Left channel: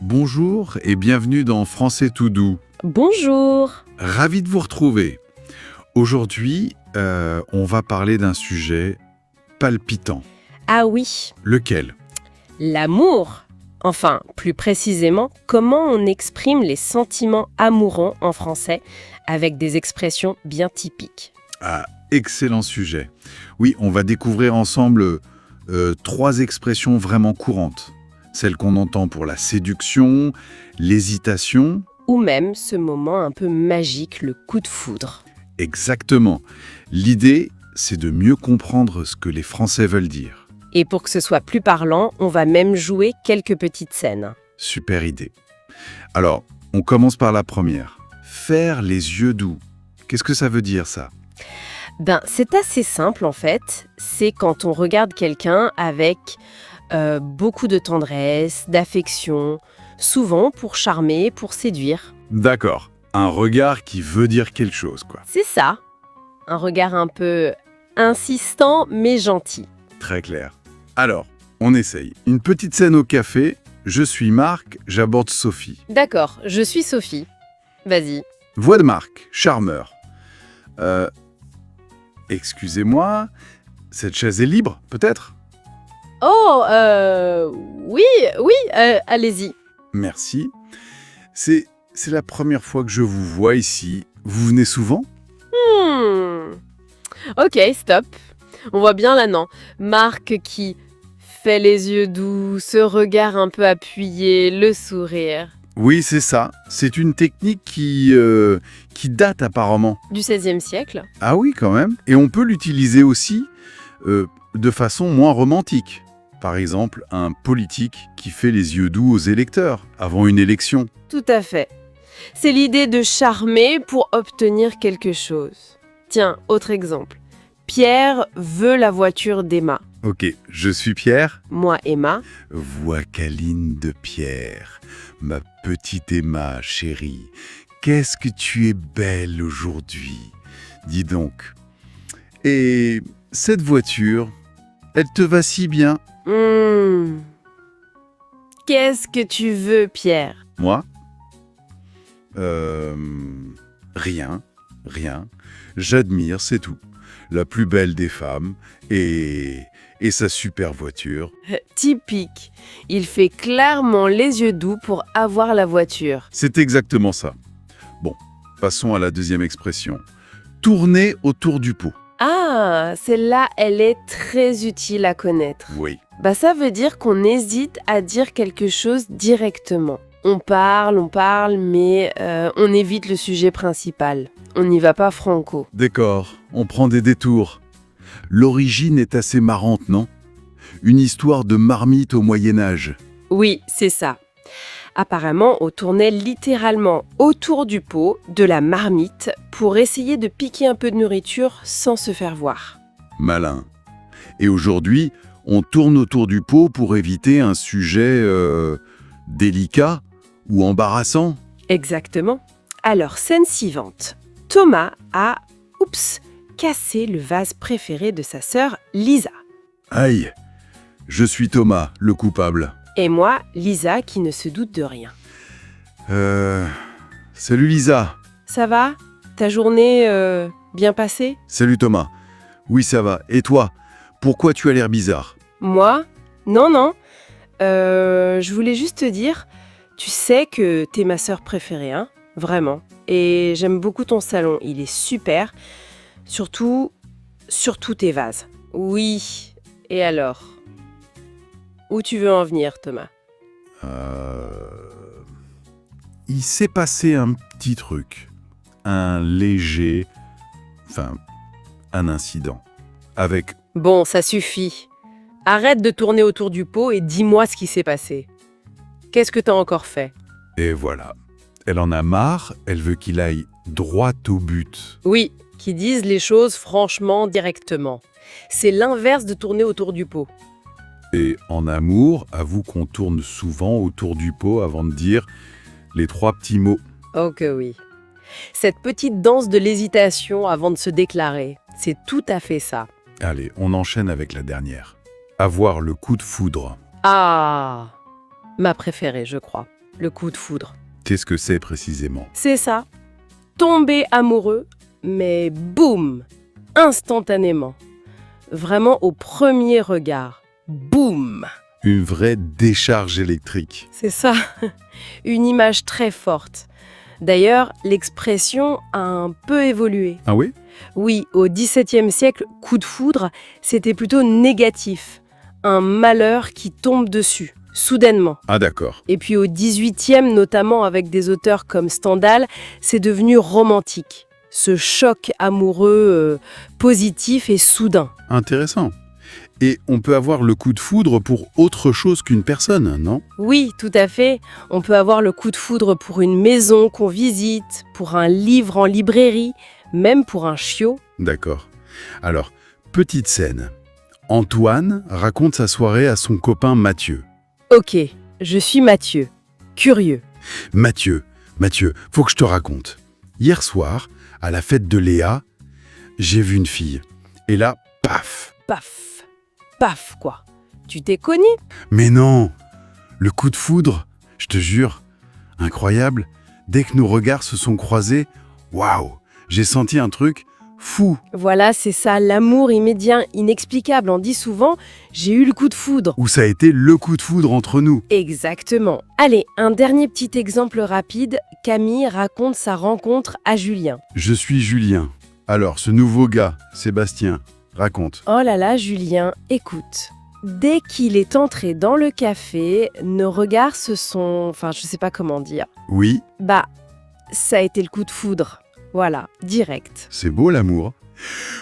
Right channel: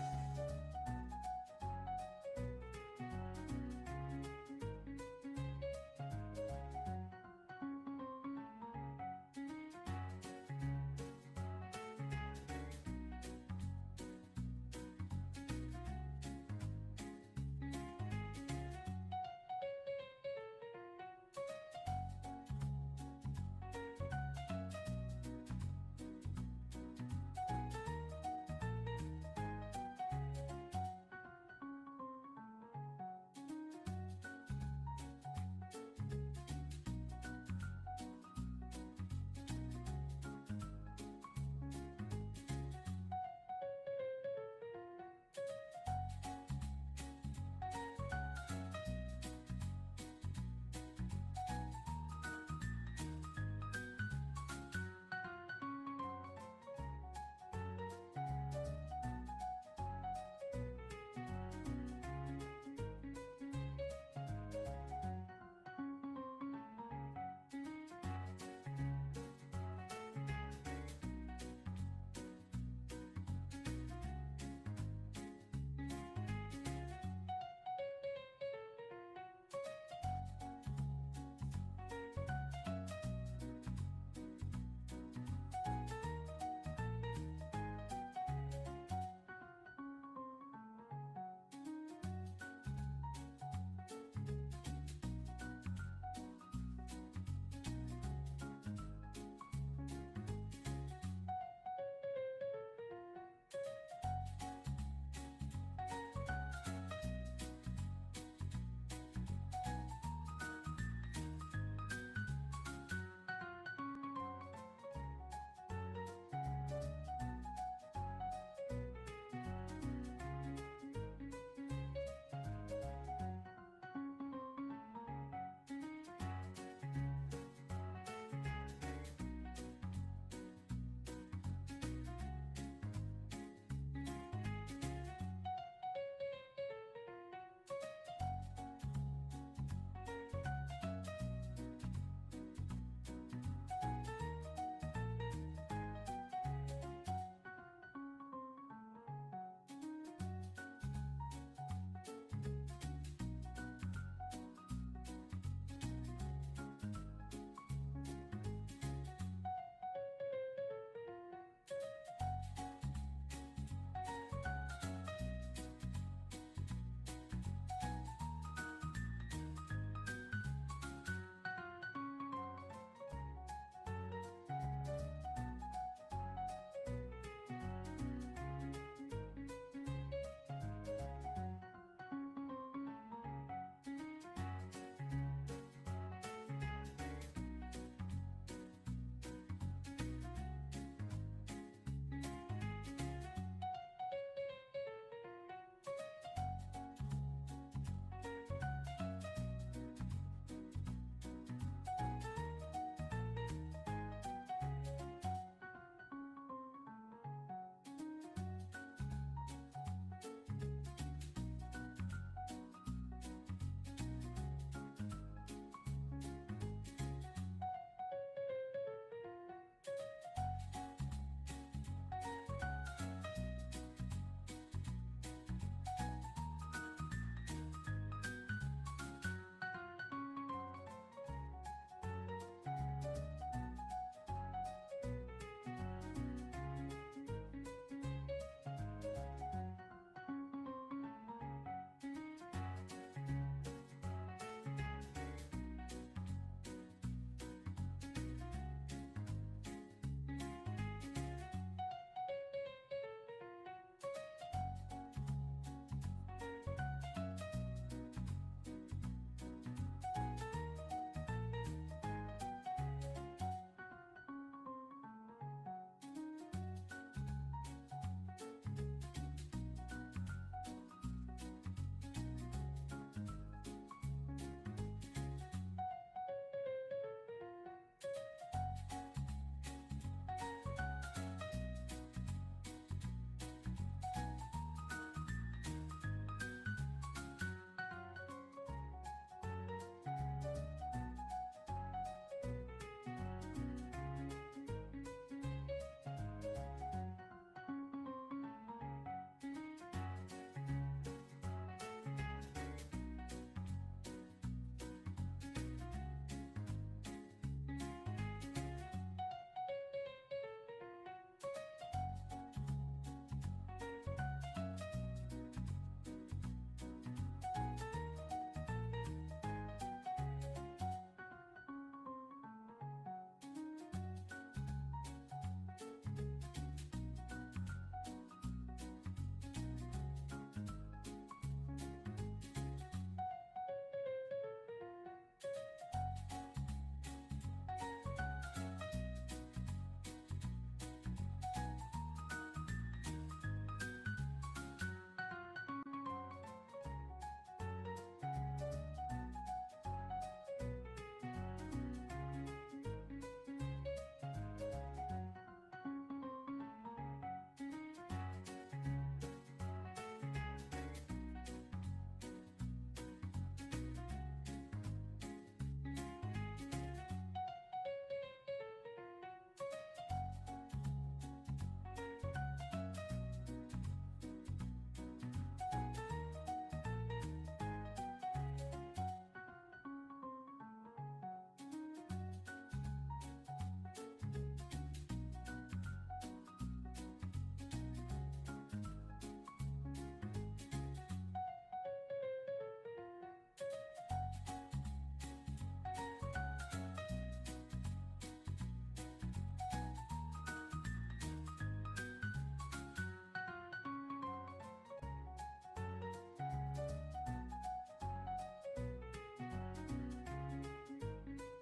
Bonjour et bienvenue dans Français tout doux. Bonjour. Ravi de vous retrouver. Aujourd'hui, on va parler d'un sujet palpitant. Ah oui, Lequel? l'amour. Enfin, plus précisément, comment on exprime les sentiments amoureux en français avec des expressions bien typiques. Ah, excellent sujet. Oui, on va découvrir ensemble 3 expressions vraiment courantes. Celles qu'on entend pour la séduction, l'hésitation. Ou même ce moment un peu magique, le coup de foudre. Exactement. L'idée, c'est de mieux comprendre ce que les Français veulent dire. Et pour que ce soit plus parlant, on va même jouer quelques petites scènes. Super idée. Alors, on commence par la première. Faire les yeux doux. Qu'est-ce que ça veut dire, ça? C'est assez simple en fait. C'est quand on regarde quelqu'un avec beaucoup de tendresse, d'affection, souvent pour charmer, pour séduire. D'accord. Un regard qui veut dire quelque chose, quoi. C'est ça. Un regard un peu insistant mais gentil. Très clair. Alors, on essaye. Une petite scène au café. Je suis Marc, j'aborde Sophie. D'accord, je suis Sophie. Vas-y. Voix de Marc, charmeur. Excusez-moi, cette chaise est libre, peut-être? Oh, oui, allez-y. Merci. C'est la première fois que je vous vois ici. Vous venez souvent? Ok, stop. On voit bien là, non. Marc qui fait les yeux doux, ce regard un peu appuyé, le sourire. Oui, c'est ça. C'est une technique qui date apparemment. Du XVIe siècle. Ah oui, quand même. Et on peut l'utiliser aussi de façon moins romantique. Par exemple, un politique qui fait les yeux doux aux électeurs avant une élection. Tout à fait. C'est l'idée de charmer pour obtenir quelque chose. Tiens, autre exemple. Pierre veut la voiture d'Emma. Ok, je suis Pierre. Moi, Emma. Voix câline de Pierre. Ma petite Emma, chérie. Qu'est-ce que tu es belle aujourd'hui. Dis donc. Et cette voiture, elle te va si bien. Qu'est-ce que tu veux, Pierre? Moi? Rien. J'admire, c'est tout. La plus belle des femmes et sa super voiture. Typique. Il fait clairement les yeux doux pour avoir la voiture. C'est exactement ça. Bon, passons à la deuxième expression. Tourner autour du pot. Ah, celle-là, elle est très utile à connaître. Oui. Ça veut dire qu'on hésite à dire quelque chose directement. On parle, mais on évite le sujet principal. On n'y va pas franco. D'accord, on prend des détours. L'origine est assez marrante, non? Une histoire de marmite au Moyen-Âge. Oui, c'est ça. Apparemment, on tournait littéralement autour du pot de la marmite pour essayer de piquer un peu de nourriture sans se faire voir. Malin. Et aujourd'hui, on tourne autour du pot pour éviter un sujet délicat ou embarrassant. Exactement. Alors, scène suivante. Thomas a, cassé le vase préféré de sa sœur Lisa. Aïe, je suis Thomas, le coupable. Et moi, Lisa, qui ne se doute de rien. Salut Lisa. Ça va? Ta journée bien passée? Salut Thomas. Oui, ça va. Et toi? Pourquoi tu as l'air bizarre? Moi? Non. Je voulais juste te dire, tu sais que t'es ma sœur préférée, hein? Vraiment. Et j'aime beaucoup ton salon, il est super. Surtout tes vases. Oui. Et alors? Où tu veux en venir, Thomas? Il s'est passé un petit truc. Un incident. Avec... Bon, ça suffit. Arrête de tourner autour du pot et dis-moi ce qui s'est passé. Qu'est-ce que t'as encore fait? Et voilà. Elle en a marre, elle veut qu'il aille droit au but. Oui, qui disent les choses franchement, directement. C'est l'inverse de tourner autour du pot. Et en amour, avoue qu'on tourne souvent autour du pot avant de dire les 3 petits mots. Oh que oui. Cette petite danse de l'hésitation avant de se déclarer, c'est tout à fait ça. Allez, on enchaîne avec la dernière. Avoir le coup de foudre. Ah, ma préférée, je crois. Le coup de foudre. Qu'est-ce que c'est précisément? C'est ça. Tomber amoureux, mais boum, instantanément. Vraiment au premier regard. Boum. Une vraie décharge électrique. C'est ça. Une image très forte. D'ailleurs, l'expression a un peu évolué. Ah oui? Oui, au XVIIe siècle, coup de foudre, c'était plutôt négatif. Un malheur qui tombe dessus, soudainement. Ah d'accord. Et puis au XVIIIe, notamment avec des auteurs comme Stendhal, c'est devenu romantique. Ce choc amoureux positif et soudain. Intéressant. Et on peut avoir le coup de foudre pour autre chose qu'une personne, non? Oui, tout à fait. On peut avoir le coup de foudre pour une maison qu'on visite, pour un livre en librairie, même pour un chiot. D'accord. Alors, petite scène. Antoine raconte sa soirée à son copain Mathieu. Ok, je suis Mathieu. Curieux. Mathieu, faut que je te raconte. Hier soir, à la fête de Léa, j'ai vu une fille. Et là, paf! Paf. Paf, quoi. Tu t'es cogné? Mais non! Le coup de foudre, je te jure, incroyable. Dès que nos regards se sont croisés, waouh! J'ai senti un truc fou. Voilà, c'est ça, l'amour immédiat, inexplicable. On dit souvent, j'ai eu le coup de foudre. Où ça a été le coup de foudre entre nous. Exactement. Allez, un dernier petit exemple rapide. Camille raconte sa rencontre à Julien. Je suis Julien. Alors, ce nouveau gars, Sébastien, raconte. Oh là là, Julien, écoute. Dès qu'il est entré dans le café, nos regards se sont... Enfin, je sais pas comment dire. Oui, Bah, ça a été le coup de foudre. Voilà, direct. c'est beau l'amour.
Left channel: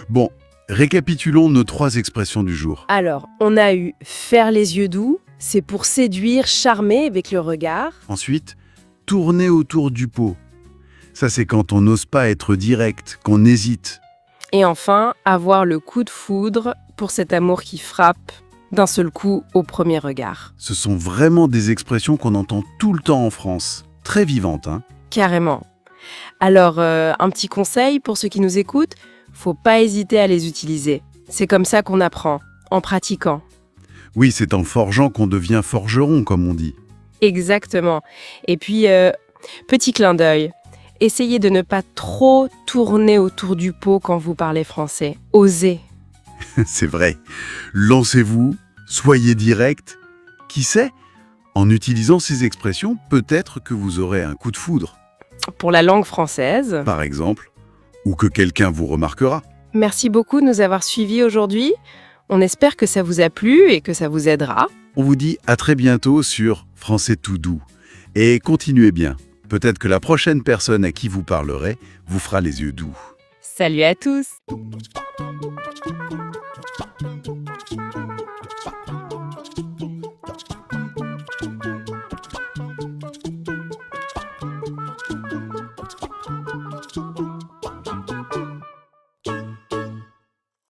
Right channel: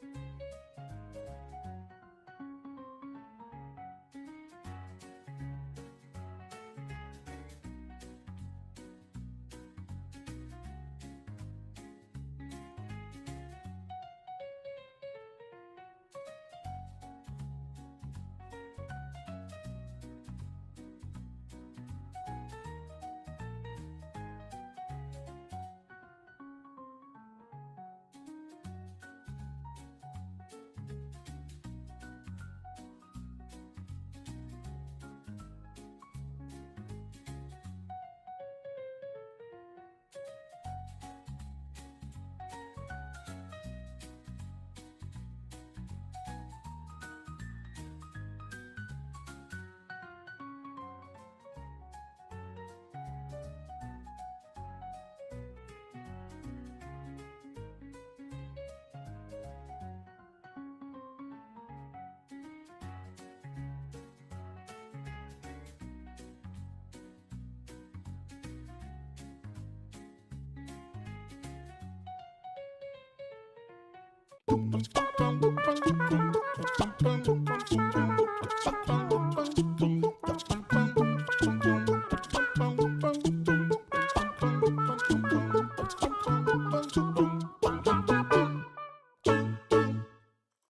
Bon, récapitulons nos 3 expressions du jour. Alors, on a eu faire les yeux doux, c'est pour séduire, charmer avec le regard. Ensuite, tourner autour du pot. Ça, c'est quand on n'ose pas être direct, qu'on hésite. Et enfin, avoir le coup de foudre pour cet amour qui frappe d'un seul coup au premier regard. Ce sont vraiment des expressions qu'on entend tout le temps en France. Très vivantes, hein? Carrément. Alors, un petit conseil pour ceux qui nous écoutent, faut pas hésiter à les utiliser. C'est comme ça qu'on apprend, en pratiquant. Oui, c'est en forgeant qu'on devient forgeron, comme on dit. Exactement. Et puis, petit clin d'œil, essayez de ne pas trop tourner autour du pot quand vous parlez français. Osez. C'est vrai. Lancez-vous, soyez direct. Qui sait? En utilisant ces expressions, peut-être que vous aurez un coup de foudre, Pour la langue française, par exemple, ou que quelqu'un vous remarquera. merci beaucoup de nous avoir suivis aujourd'hui. On espère que ça vous a plu et que ça vous aidera. On vous dit à très bientôt sur Français tout doux. Et continuez bien. Peut-être que la prochaine personne à qui vous parlerez vous fera les yeux doux. Salut à tous!